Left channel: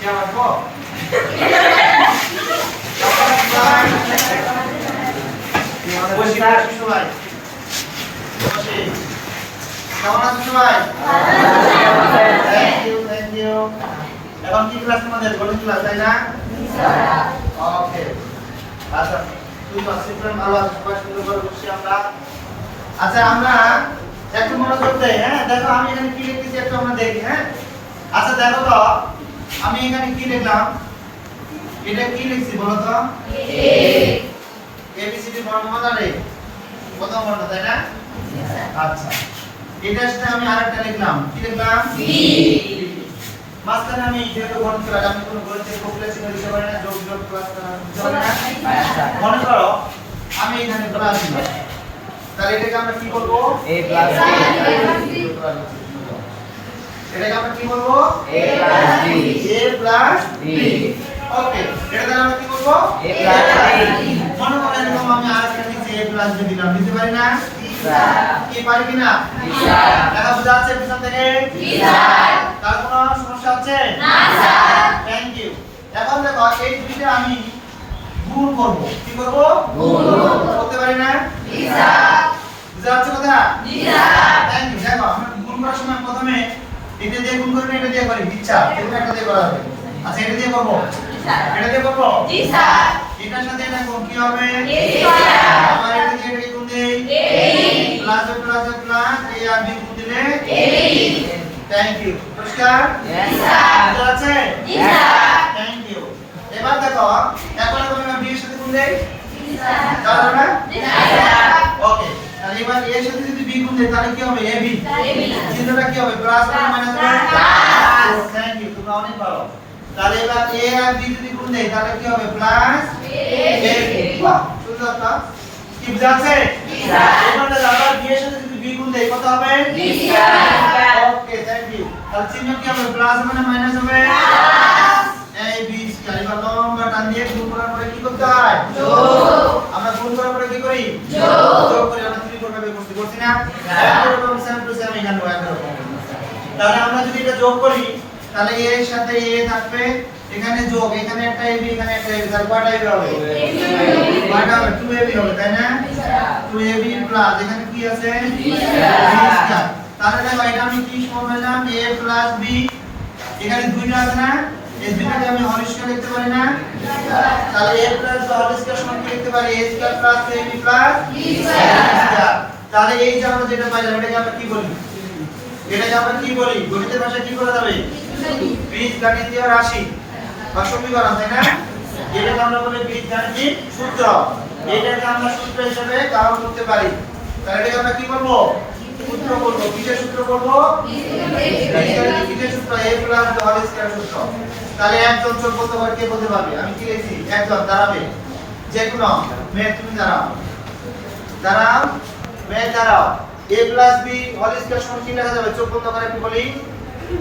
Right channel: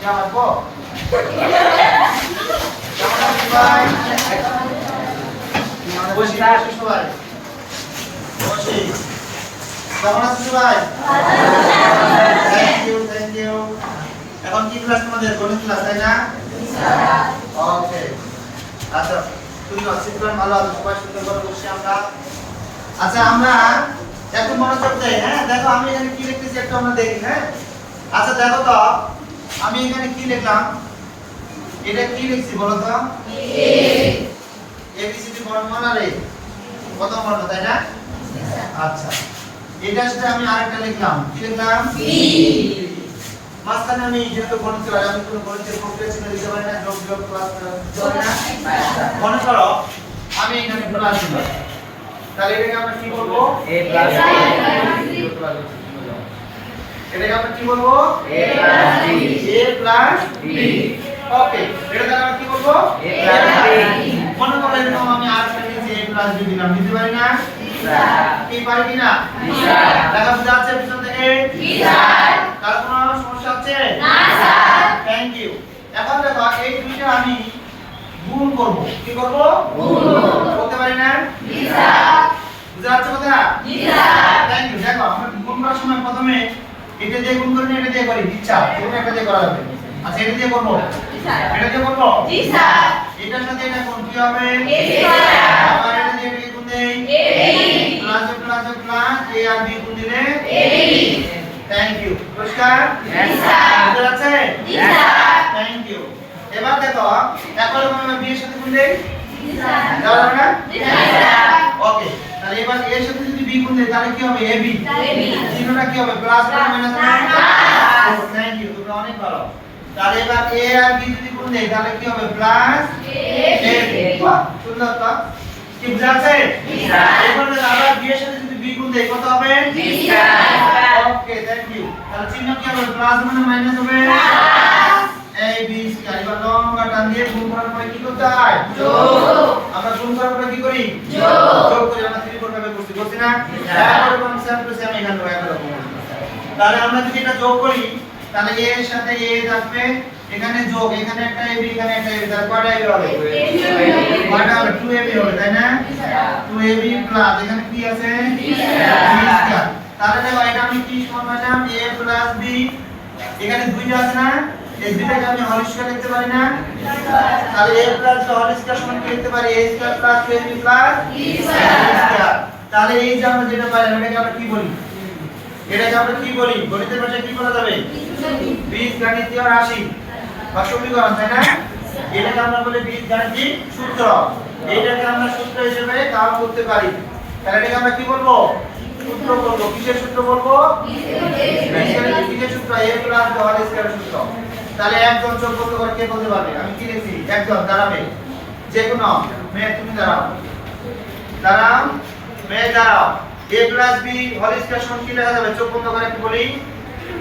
শিয়া মারবো বসি বসি সবাই বসি কেমন আছো সবাই থ্যাংক ইউ এখন কি ক্লাস তোমাদের গণিত ক্লাস তাই না ওকে আচ্ছা তুই সিস্টেম ভালো আছে সবাই সুন্দর করে বসি আমরা আচ্ছা আমরা একটু মনোযোগ দেই হ্যাঁ দেখো আমি এখানে কি লিখতেছি একটা আমরা দেখি হ্যাঁ আচ্ছা দেখো তো আমি এখানে কি লিখলাম এটা কি লিখছি বলো তো এবিসিডি বর্ণমালা রে কত বর্ণ তাই না আচ্ছা এটার সাথে আমি আরেকটা লিখলাম কি লিখলাম বি মাঝখানে আমি যেহেতু গণিত ক্লাস আমি কোনো গণিতের প্রক্রিয়া চিহ্ন দিতে পারি না জটিল প্লাস চলে না মনে করো আমি এখানে প্লাস দিলাম তাহলে এটাকে আমরা কি বলবো a প্লাস b এটাকে আমরা কি বলবো a প্লাস b ওকে এটাকে আমরা কি বলবো a প্লাস b মনে করো এরকম আমি আরেকটা নিচে a প্লাস b দিলাম দিতে পারি না কি পারি কি না দেখা বুঝা যাচ্ছে পিছন থেকে তার কোনো সমস্যা আছে না স্যার থ্যাংক ইউ এখন দেখো এই দুইটা আমি গুণ করব কি করব গুণ করতে পারি না জি স্যার বুঝা যাচ্ছে কথা জি স্যার থ্যাংক ইউ দেখো আমরা গুণ করার সময় প্রথমে এটা দিয়ে গুণ করি না এটা দিয়ে করি ইচ্ছা এটা একটা দিয়ে করা হবে আচ্ছা এটা দিয়ে করব জি স্যার এটা দিয়ে করব জি স্যার এটার সাথে এটা কোন কি হবে a স্যার আবার এটা দিয়ে এটা গুণ দেই a প্লাস প্লাস a আর b গুণ দিলে a থ্যাংক ইউ নমস্কার জি স্যার বুঝা যাচ্ছে জি স্যার থ্যাংক ইউ এবার দেখো একবার আমরা b এর সাথে গুণ দেই জি স্যার যাবে না জি স্যার ওকে তাহলে এবার a এর সাথে যদি b গুণ দেই তাহলে কি হবে ab চিহ্নটা কি হবে প্লাস না মাইনাস প্লাস থ্যাংক ইউ তোমরা অনেক ভালো তাহলে এবার a আর b যদি গুণ দেই তাহলে কি হবে প্লাস a বাহ সুন্দর তো কি বুঝাচ্ছে জি স্যার এবার আমরা b এর সাথে যদি b গুণ দেই কত হবে জি স্যার ওকে থ্যাংক ইউ তাহলে চিহ্ন কি হবে প্লাস মানে মাইনাস হবে প্লাস a b স্কয়ার এবার লম্বা টান দিয়ে গুণ করার পরে কি করতে হয় যোগ আমরা গুণ করার পরে কি করি যোগ করি আমরা ত্রিকোণ ভাবে করতে না এরকম সেম টু সেম এখানে এরকম তাহলে আমরা যদি এটা যোগ করি তাহলে a এর সাথে a থাকবে এখানে যোগ এখানে একটা ab এখানে একটা ab তাহলে কয়টা ab হবে কয়টা হবে 2ab হবে তাই না 2ab প্লাস এখানে কি আছে b স্কয়ার তাহলে দেখো এটা আমি কি সমান পেলাম a প্লাস b এখানে দুইটা আছে না এই দুইটাকে আমি হোল স্কয়ার লিখতে পারি না তাহলে a plus b whole square সমান কি লিখতে পারি a square plus 2ab plus b square তাহলে এই যে আমরা যেটা পাইলাম এটাকে আমরা কি বলি এটাকে আমরা কি বলি গণিতের ভাষায় কি বলা যাবে বীজগণিতীয় রাশি বা সমীকরণ তাই না এটাকে আমরা বলি বীজগণিতিক সূত্র এটাকে আমরা সূত্র হিসেবে কাজ করতে পারি তাহলে এটাকে আমরা কি বলবো সূত্র বলবো কিসের সূত্র বলবো বীজগণিতিক সূত্র a plus b whole square সূত্র তাহলে একজন যোগ কত করে কে বলতে পারবে আমি কি লিখছি একজন দাঁড়াবে যে কোনো মেয়ে তুমি দাঁড়াও মেয়ে দাঁড়াও a plus b whole square সমান কি লেখা যাবে চোখ বন্ধ করে একটু বলি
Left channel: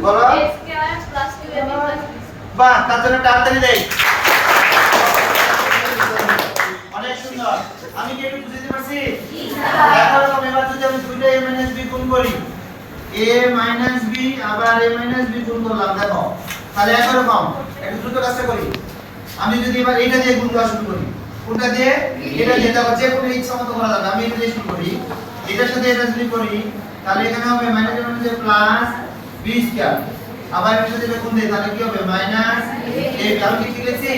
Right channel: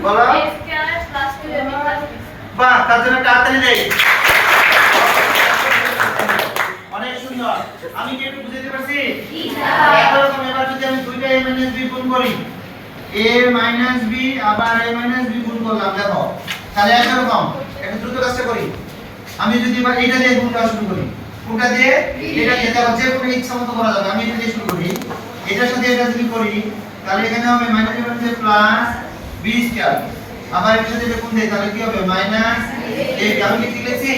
বলো a square plus 2ab plus বাহ তার জন্য তাড়াতাড়ি দেই অনেক সুন্দর আমি কি একটু বুঝাতে পারছি জি স্যার এরকম এবার যদি আমি দুইটা a - b গুণ করি a - b আবার a - b গুণ করলাম দেখো তাহলে একরকম একটু দ্রুত কাজটা করি আমি যদি এবার এটা দিয়ে গুণ করা শুরু করি কোনটা দিয়ে এটা দিয়ে দেখো যে কোনো ইচ্ছা মতো করা যাবে আমি এটা দিয়ে শুরু করি এটার সাথে এটা যদি করি তাহলে এখানে হবে মাইনাস এর মধ্যে প্লাস b স্কয়ার আবার এর সাথে এটা গুণ দেই তাহলে কি হবে মাইনাস a আমি কি লিখেছি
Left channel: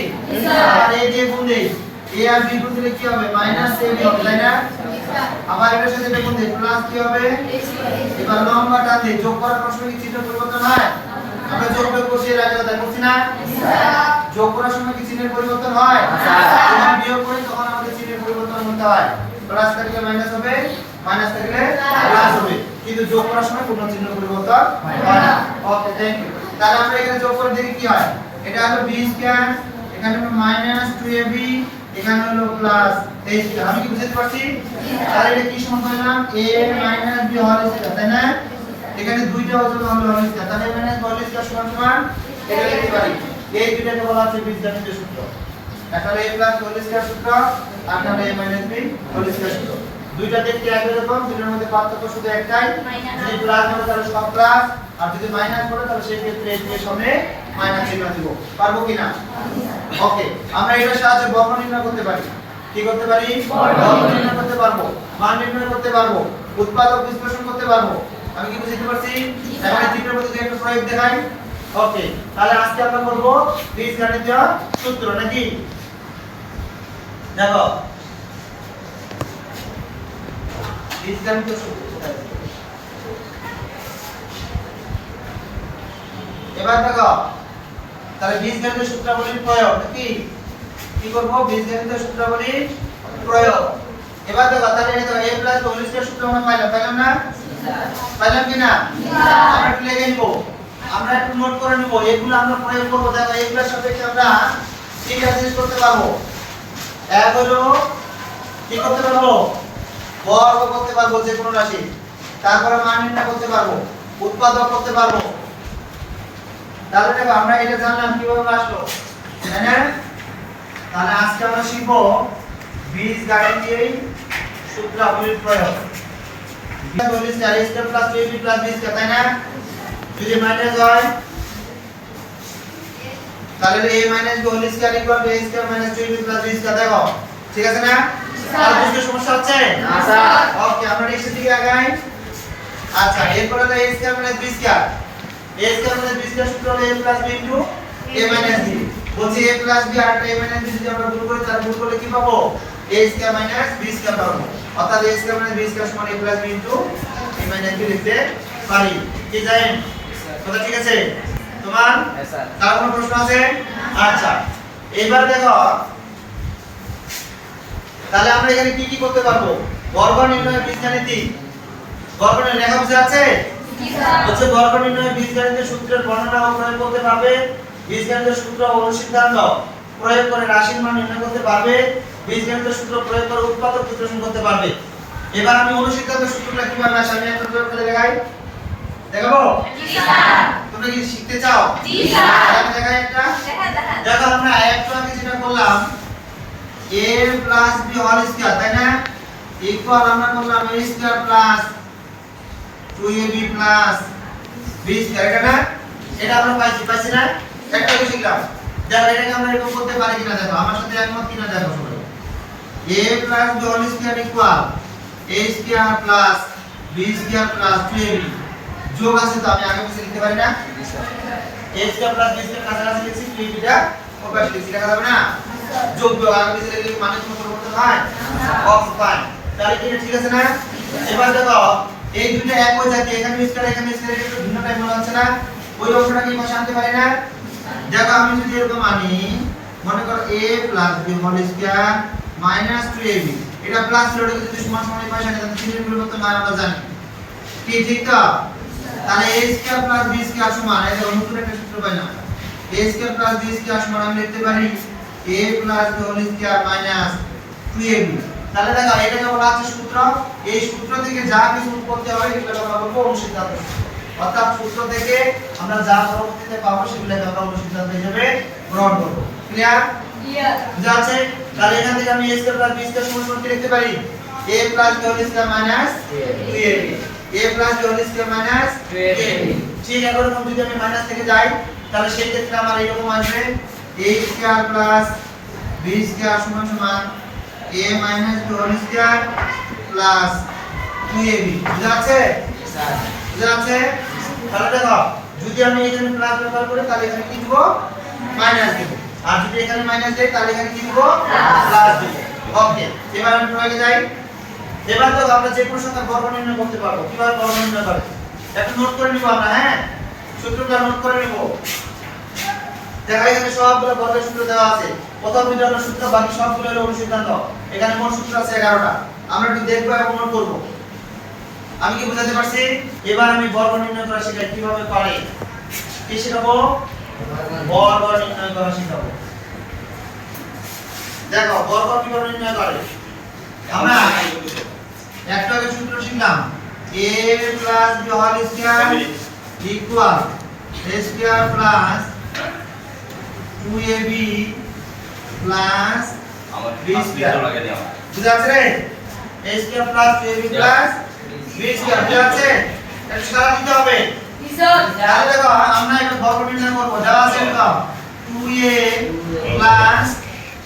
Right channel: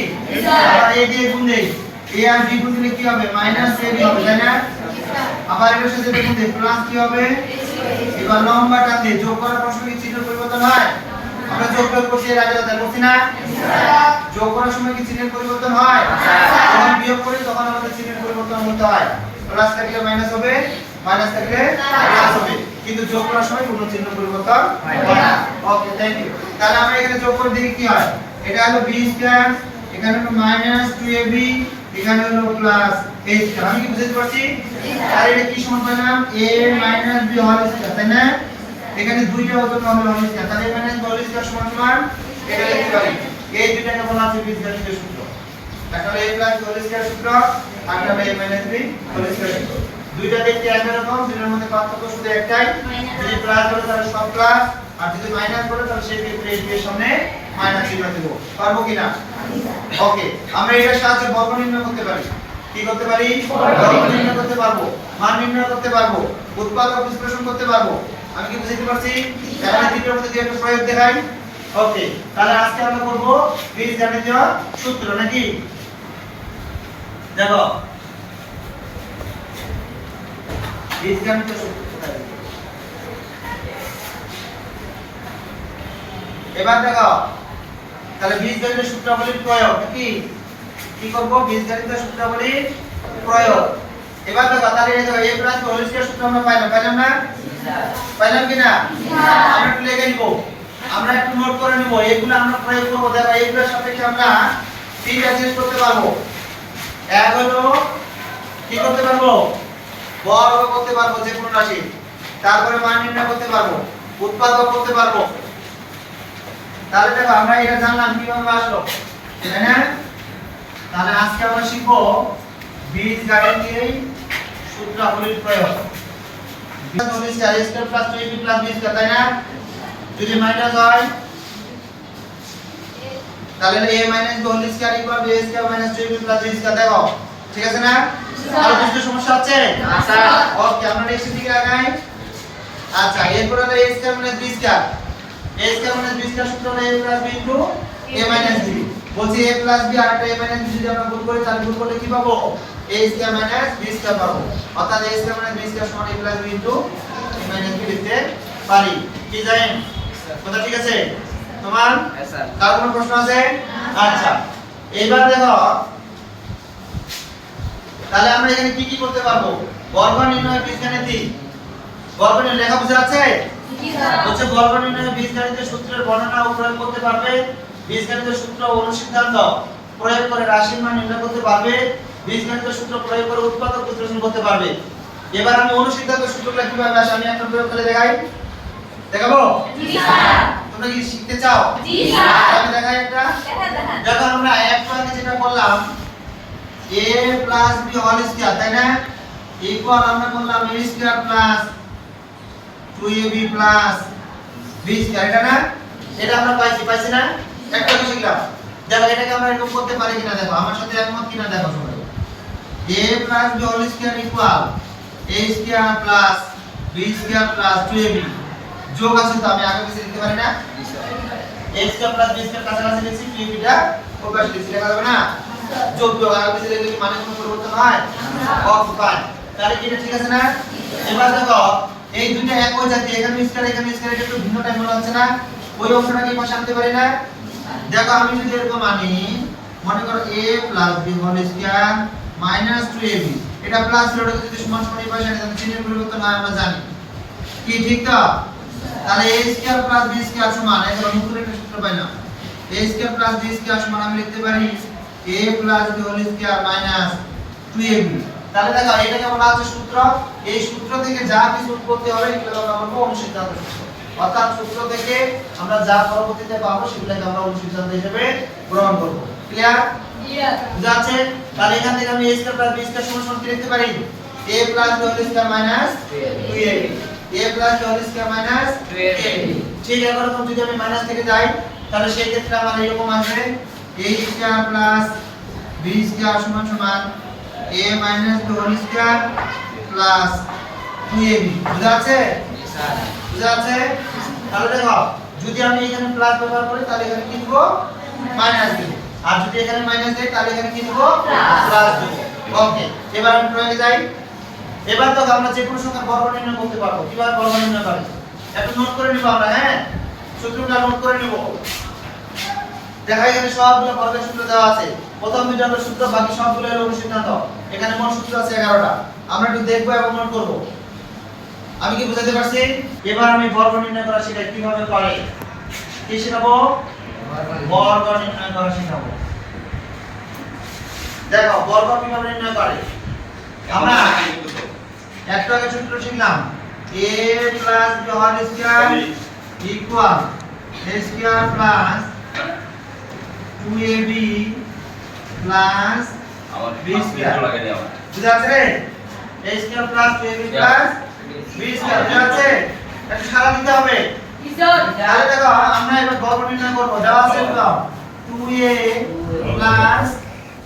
আবার a দিয়ে গুণ দেই a আর b গুণ দিলে কি হবে মাইনাস ab হবে তাই না আবার এর সাথে এটা গুণ দেই প্লাস কি হবে এবার লম্বা টান দেই যোগ করার প্রশ্নে কি চিহ্ন পরিবর্তন হয় আমরা যোগ করছি এর আগে কথা করছি না যোগ করার সময় কি চিহ্নের পরিবর্তন হয় যখন বিয়োগ করি তখন আমাদের চিহ্নের পরিবর্তন হতে হয় প্লাস থাকলে মাইনাস হবে মাইনাস থাকলে প্লাস হবে কিন্তু যোগ করার সময় কোনো চিহ্ন পরিবর্তন হয় না ওকে থ্যাংক ইউ তাহলে আমরা এখানে যোগ করে দেখি কি হয় এটা হলো b স্কয়ার এখানে হলো মাইনাস 2ab এখানে হলো প্লাস a স্কয়ার আমি কি বুঝতে পারছি তাহলে এটা কি সমান পেলাম a - b হোল স্কয়ার তাই না এখানে দুইটা অজন্য হবে হোল স্কয়ার তাহলে a - b হোল স্কয়ার সমান এটা লিখতে পারি এই দুইটাকে বলা হচ্ছে বীজগণিতীয় সূত্র একটা হলো a প্লাস হোল স্কয়ার সূত্র আর একটা হলো a - b হোল স্কয়ার সূত্র দুইটা দেখতে একই রকম দুইটার মধ্যে পার্থক্য শুধু একটাই যদি প্লাস হয় তাহলে সব প্লাস আর যদি মাইনাস করে তাহলে সেই ক্ষেত্রে এই এর সামনে মাইনাস চিহ্ন দেব। পারবো কিনা? ওকে, আমরা এটার সাহায্যে বর্গ নির্ণয় করতে পারি। কি করতে পারি? বর্গ নির্ণয় করতে পারবো, মান নির্ণয় করতে পারবো, উৎপাদক বিশ্লেষণ করতে পারবো। আমি কি বুঝাতে পারছি? এখন চিত্রের মধ্যে দিয়ে একটা প্রয়োগ দেখাই। ওকে, তাহলে আজকে আমরা করব বীজগণিতীয় সূত্র নাকি? দেখো বীজগণিতীয় সূত্র কোথায়? এবার দেখো তাহলে বীজগণিতীয় সূত্রাবলীর প্রয়োগ নাকি? কি করব? বীজগণিতীয় সূত্রাবলীর প্রয়োগ। এবার দেখো তাহলে এই দেখো a প্লাস হোল স্কয়ার সূত্র আমরা পাইলাম না? পাইলাম কি না? আমরা একটু লিখে নিব, আমরা একটু নোট করে নিব, এগুলো আমরা প্রয়োগ করব। দেখো এগুলোর সাপেক্ষে আমরা তিনটা জিনিস করতে পারবো। এক হলো কি করতে পারবো? বর্গ করতে পারবো যে কোনো রাশি, তারপরে মান নির্ণয় করতে পারবো, উৎপাদক করতে পারবো। তাহলে দেখো আমরা এটা জানলাম কিভাবে আসলো, তাই না? তাহলে আজকে আমরা শিখব বীজগণিতীয় সূত্রাবলীর প্রয়োগ। Whole square a square plus 2ab plus b square, তাই না? যদি মাইনাস হয় তাহলে a minus b whole square equal b square minus 2ab plus b square. দেখো ঠিক আছে না? আর বুঝতে সমস্যা হচ্ছে না স্যার? ওকে, আমরা নেক্সট দিকে আগাই। আচ্ছা, এরপর হলো a square minus b square. a square minus b square সূত্র হলো a plus b into a minus b। বলছি a প্লাস b আর একটা a মাইনাস b যদি আমরা গুণ করি তাহলে গুণ করলে কি পাবো? a square minus b square পাবো। অর্থাৎ a square minus b square সমান a plus b into a minus b লিখতে পারি। কি জানেন? কথা ঠিক আছে তোমার? হ্যাঁ স্যার। কার কোনো প্রশ্ন আছে? আচ্ছা, এইবার দেখো তাহলে আমরা এখানে কি কি করতে পারবো? বর্গ নির্ণয় বীজগণিত। বর্গ নির্ণয় লেখা বুঝে আছে? জি স্যার। হচ্ছে বর্গ নির্ণয় বীজগণিতের সূত্রের বর্ণনা ও প্রয়োগ করতে পারবে, বীজগণিতের সূত্র ও অনুসিদ্ধান্ত প্রয়োগ করে রাশির মান নির্ণয় করতে পারবে, বীজগণিতের সূত্র প্রয়োগ করে উৎপাদক বিশ্লেষণ করতে পারবে। এবার আমি অনুসিদ্ধান্ত সূত্রগুলো কিভাবে আসে আমি একটা প্রয়োগ করে দেখাই। দেখাবো? জি স্যার। তোমরা কি শিখতে চাও? জি স্যার। আমি দেখাই একটা। দেখো আমরা একটু আগে যেটা করলাম a plus b whole square, তাই না? ইকুয়াল আমরা করলাম a square plus 2ab plus b square, এটা না? এটা আমরা পাইছি না? একটা বিষয় শিখলাম। দেখো এটাকে আমরা এরকম করতে পারি কিনা দেখো, আমার সাথে একমত কিনা দেখো সবাই। a plus b whole square equal a square plus b square plus 2ab। যোগ আছে তো আমি আগে পিছে লিখতে পারি না? জি sir. a square plus b square কাছাকাছি লিখছি, 2ab টা প্রকাশ লিখছি, লেখা যাবে না? যোগ যোগ আগে পিছে লিখলে মানে কোনো পরিবর্তন হয় না? ওকে ফাইন, তাহলে কি এটা ঠিক আছে না? এবার দেখো এই দুটো একই জাতীয়, এখানে স্কয়ার একটু ভিন্ন টাইপ মনে হচ্ছে না? ওই অংশটা কি পাশে আনতে পারি না? দেখো আমি যদি এরকম আনি, মনে করো a plus b whole square minus 2ab, এটা প্লাস রোডে যদি সমান সমান এই পাশে আনি তাহলে চিহ্নের পরিবর্তন হয় আমরা জানি। কি ঠিক তো? তাহলে a square plus b square সমান, এই দেখো নতুন একটা সূত্র পাইলাম, a square plus b square সমান আমি লিখতে পারি a plus b whole square minus 2ab। তাহলে দেখো এটাকে বলা হচ্ছে সূত্র। এই সূত্র থেকে যা কিছু উৎপত্তি হবে এটাকে আমরা বলবো অনুসিদ্ধান্ত। অর্থাৎ সূত্র থেকে আমরা যা পরবর্তীতে পাবো সেগুলোকে আমরা অনুসিদ্ধান্ত হিসেবে গ্রহণ করব। ক্লিয়ার? ক্লিয়ার। বুঝা আছে? তাহলে এখান থেকে আমি a square plus b square সমান কি লিখতে পারি? a plus b whole square minus 2ab, a plus b whole square minus 2ab। ঠিক এরকম যদি আমি মাইনাস থেকে যাই তাহলে সেই ক্ষেত্রে আমার এরকম আসবে a square plus b square সমান সমান a minus b whole square plus 2ab। বুঝা আছে? জি স্যার। বুঝা আছে? তাহলে দেখো যদি আমি এখানে প্লাস ব্যবহার করি তাহলে এখানে কি দেব? মাইনাস দেব, আর যদি এখানে মাইনাস দেই তাহলে এখানে কি দেব? প্লাস দেব। ওকে, এবার আমি প্রয়োগে যাই। এবার তো আমরা যে কোনো সংখ্যার বর্গ নির্ণয় করতে পারবো। কিভাবে বর্গ নির্ণয় করে একটু নোট করে নিব আমরা, হ্যাঁ সূত্রটা নোট করে নিব। দেখা এখানে সবগুলো বর্গের সূত্র দেওয়া আছে, প্রথম দুইটা হলো সূত্র, বাকি সবগুলো হলো অনুসিদ্ধান্ত। এখানে মোট সূত্র আছে 11টা, আমরা একটু দেখবো এবং নোট করব। আমি কি বুঝাতে পারছি? এবার আমি বর্গ নির্ণয় করা শিখাই কিভাবে করে। কি শেখাবো? বর্গ নির্ণয় করা শেখাবো। দেখো বর্গ কিভাবে নির্ণয় করে। আমরা একটা আগে সূত্র শিখলাম a plus b whole square equal a square plus 2ab plus b square. বুঝা আছে? a square plus 2ab plus b square. বুঝা আছে? এটা সারা দিতে হবে। তাহলে দেখো আমরা এবার বর্গ নির্ণয় করব দেওয়া আছে কত 2a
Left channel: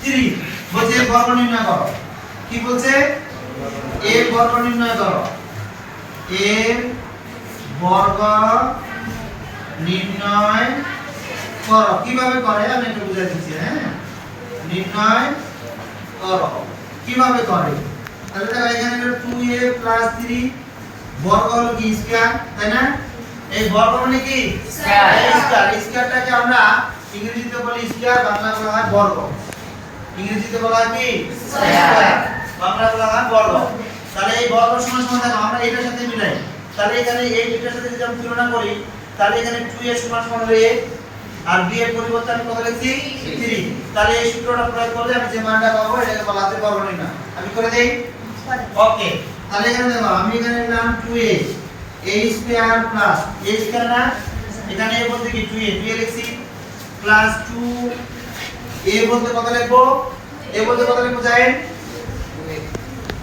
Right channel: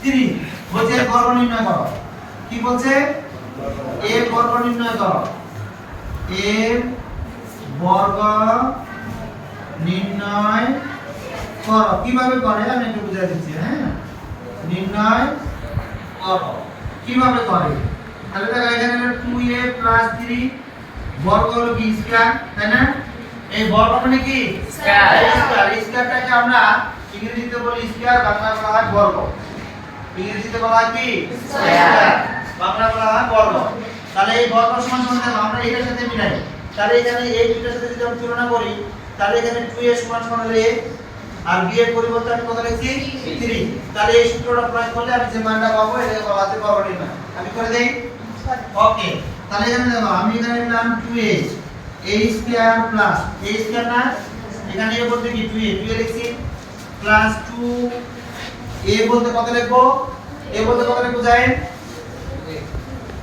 3 বলছে বর্গ নির্ণয় করো কি বলছে a বর্গ নির্ণয় করো a বর্গ নির্ণয় করো কিভাবে করে আমি একটু বুঝাই দিচ্ছি হ্যাঁ নির্ণয় করো কিভাবে করে তাহলে দেখো এখানে হলো 2a 3 বর্গ হলো কি স্কয়ার তাই না এই বর্গ মানে কি স্কয়ার এই স্কয়ারটাকে আমরা ইংরেজিতে বলি স্কয়ার বাংলায় বলা হয় বর্গ ইংরেজিতে বলা হয় কি স্কয়ার বাংলায় বলা হয় বর্গ তাহলে এই বর্গ সমান সমান দেখো আমরা এটার সাথে মিলাই তাহলে এখানে এই দুইটার সাথে যদি আমি তুলনা করি তাহলে এখানে 2a সমান সমান হলো a আর b এর পরিবর্তে আমি কত লিখছি 3 তাহলে এই সূত্রটা প্রয়োগ করলে আমি যে মানটা পাবো এটাকে বলা হয় বর্গ নির্ণয় আমি করে দেই ওকে তাহলে এখানে দেখো আমি এখানে লিখলাম 2a a square plus a square না এখানে a বলতে কি 2a লিখছি প্লাস 2 a বলতে কত লিখবো a বলতে কত লিখবো জানেন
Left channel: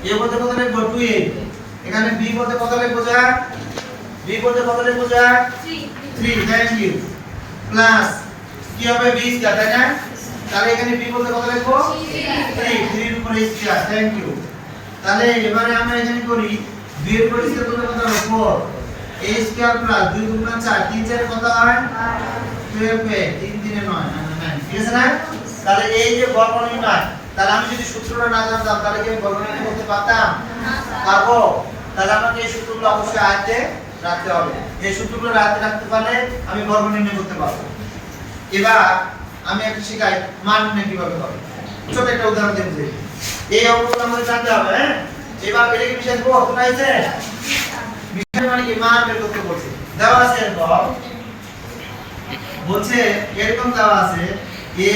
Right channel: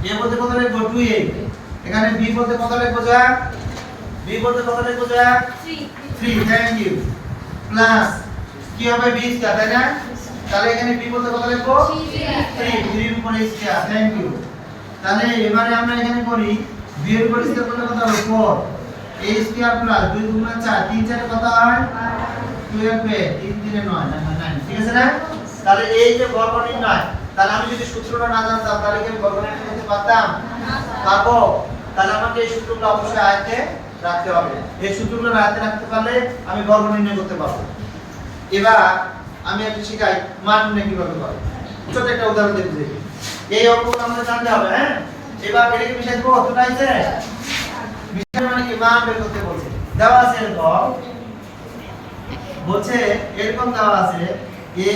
a বলতে কত লিখবো 2a এখানে b বলতে কত লিখবো যা b বলতে কত লিখবো যা 3 থ্যাংক ইউ প্লাস কি হবে b স্কয়ার তাই না তাহলে এখানে b বলতে কত লিখবো 3 এর উপর স্কয়ার থ্যাংক ইউ তাহলে এবারে আমরা এখানে করি b এর উপর স্কয়ার করলে কত হবে 4 a স্কয়ার প্লাস 2 গুণ 4 3 4 কত হয় 12 3 3 9 9 ঠিক আছে না তাহলে এই যে বর্গ নির্ণয় তাহলে আমি যদি সূত্রটা না জানতাম তাহলে কি আমি বর্গ নির্ণয় করতে পারতাম পারবো তাহলে আমাকে এই সূত্রগুলো অবশ্যই আয়ত্তে রাখতে হবে এই সূত্রগুলো আয়ত্তে রাখতে পারলে আমি বর্গ নির্ণয় করতে পারবো এবার আমি একটা শিখাই মান নির্ণয় কিভাবে হবে ছোট একটা উদাহরণ দেব যে এই অঙ্কগুলো আমাদের জানতে হবে হ্যাঁ এবার এটা কি বিষয় গ্রহ তো নাইছে বিষয় মানে কি মান বের করতে বলছে দেওয়া আছে এরকম বলছে এরকম দেওয়া আছে a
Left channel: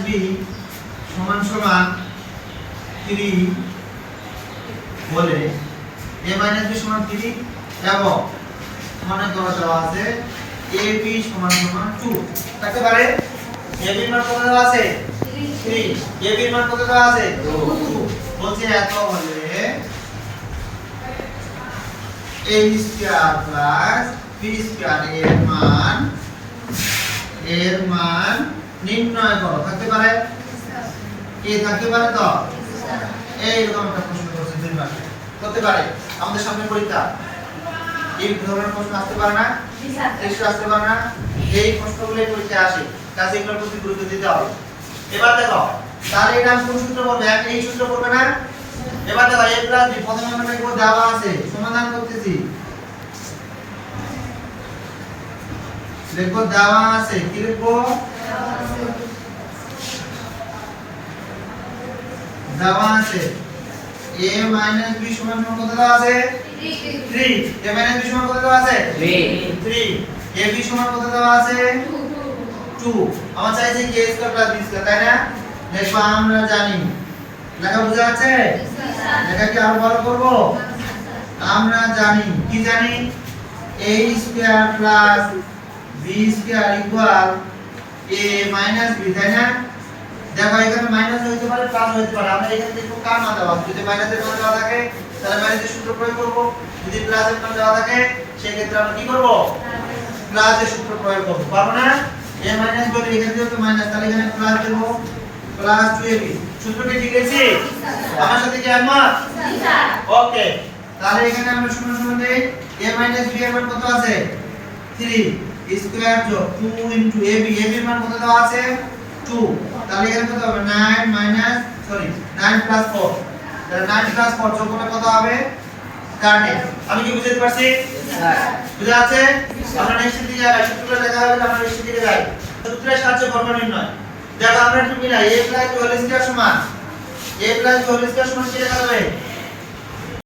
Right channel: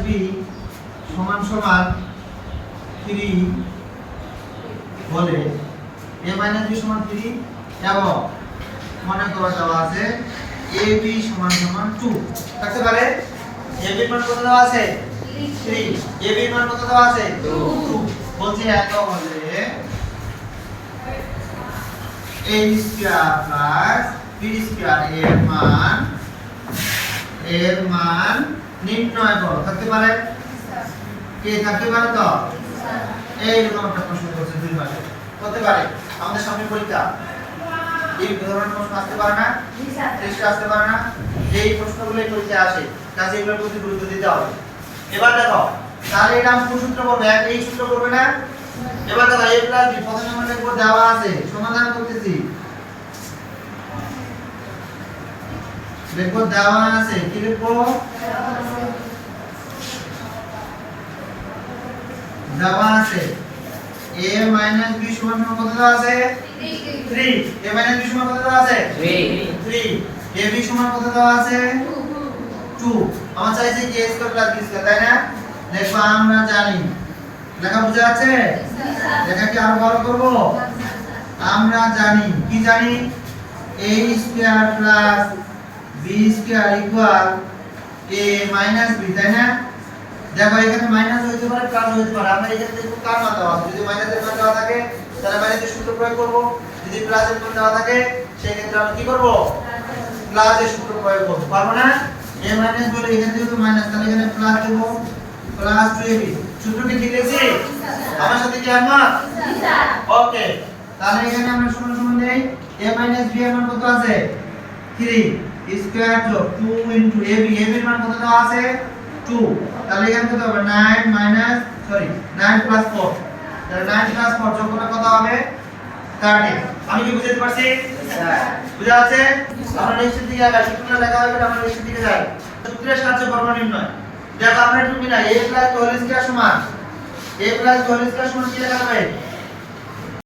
- b সমান সমান 3 বলে a - b সমান 3 এবং মনে করো দেওয়া আছে ab সমান সমান 2 থাকতে পারে ab এর মান কত দেওয়া আছে 3 ab এর মান কত দেওয়া আছে 2 বলছে এত হলে a square plus b square এর মান নির্ণয় করো থাকতে পারে কি থাকতে পারে তো এইরকম একটা প্রশ্ন করছে দুইবার করতে পারে আমাদের সামনে পরীক্ষা এই ধরনের প্রশ্ন আসতে পারে না টেস্ট আসতে পারে না এই প্রশ্নগুলো পরীক্ষায় আসে কাজে এগুলোর প্রতি গুরুত্ব দিতে হবে এবার দেখো তাহলে এটা আমি কোন সূত্র করব এই সূত্র করব না এবার দেখো a প্লাস b প্রথমে আমরা লিখব দেওয়া আছে সমাধান করতেছি দেখো দেওয়া আছে কি লিখবো দেওয়া আছে a - b সমান সমান কত দেওয়া আছে 3 a - b সমান কত দেওয়া আছে 3 ab সমান কত দেওয়া আছে 2 আমার চাইছে কি a square plus b square তাই না দেখো আমরা জানি লেখা বুঝা আছে লেখা কি আরো বড় করব আমরা জানি কি জানি a square plus b square equal a - b তাই না দেখো এখানে মাইনাস হইতে পারে প্লাস হইতে পারে আমরা এখানে দেখব কার মান দেওয়া আছে যদি মাইনাসের মান দেওয়া থাকে তাহলে মাইনাসের সূত্র প্রয়োগ করব যদি প্লাসের মান দেওয়া থাকে সেই ক্ষেত্রে আমরা কি করব প্লাসের সূত্র প্রয়োগ করব পারবো না a মাইনাস বলে এখানে যেহেতু মাইনাস তাহলে এখানে প্লাস দেব প্লাস 2ab সূত্র কি ঠিক আছে আমার সাথে কি একমত স্যার ওকে তাহলে এখানে আমরা সমান সমান দেই a - b এর মান কত আছে 3 স্কয়ার যোগ 2 ইনটু ab ab এর মান কত দেওয়া আছে 2 তাহলে এখানে কত হবে 9 প্লাস 4 তাহলে 9 প্লাস 4 যোগ করলে কত হবে 30 আমি কি বুঝতে পারছি স্যার বুঝা আছে আমরা নেক্সট দিকে যাই সূত্র লেখা হবে আমরা নেক্সট দিকে যাই সূত্রের সাহায্যে বর্গ নির্ণয় দেখো আমরা একটু মিলাই a plus b whole square সমান a plus b whole square সমান কি লেখা যাবে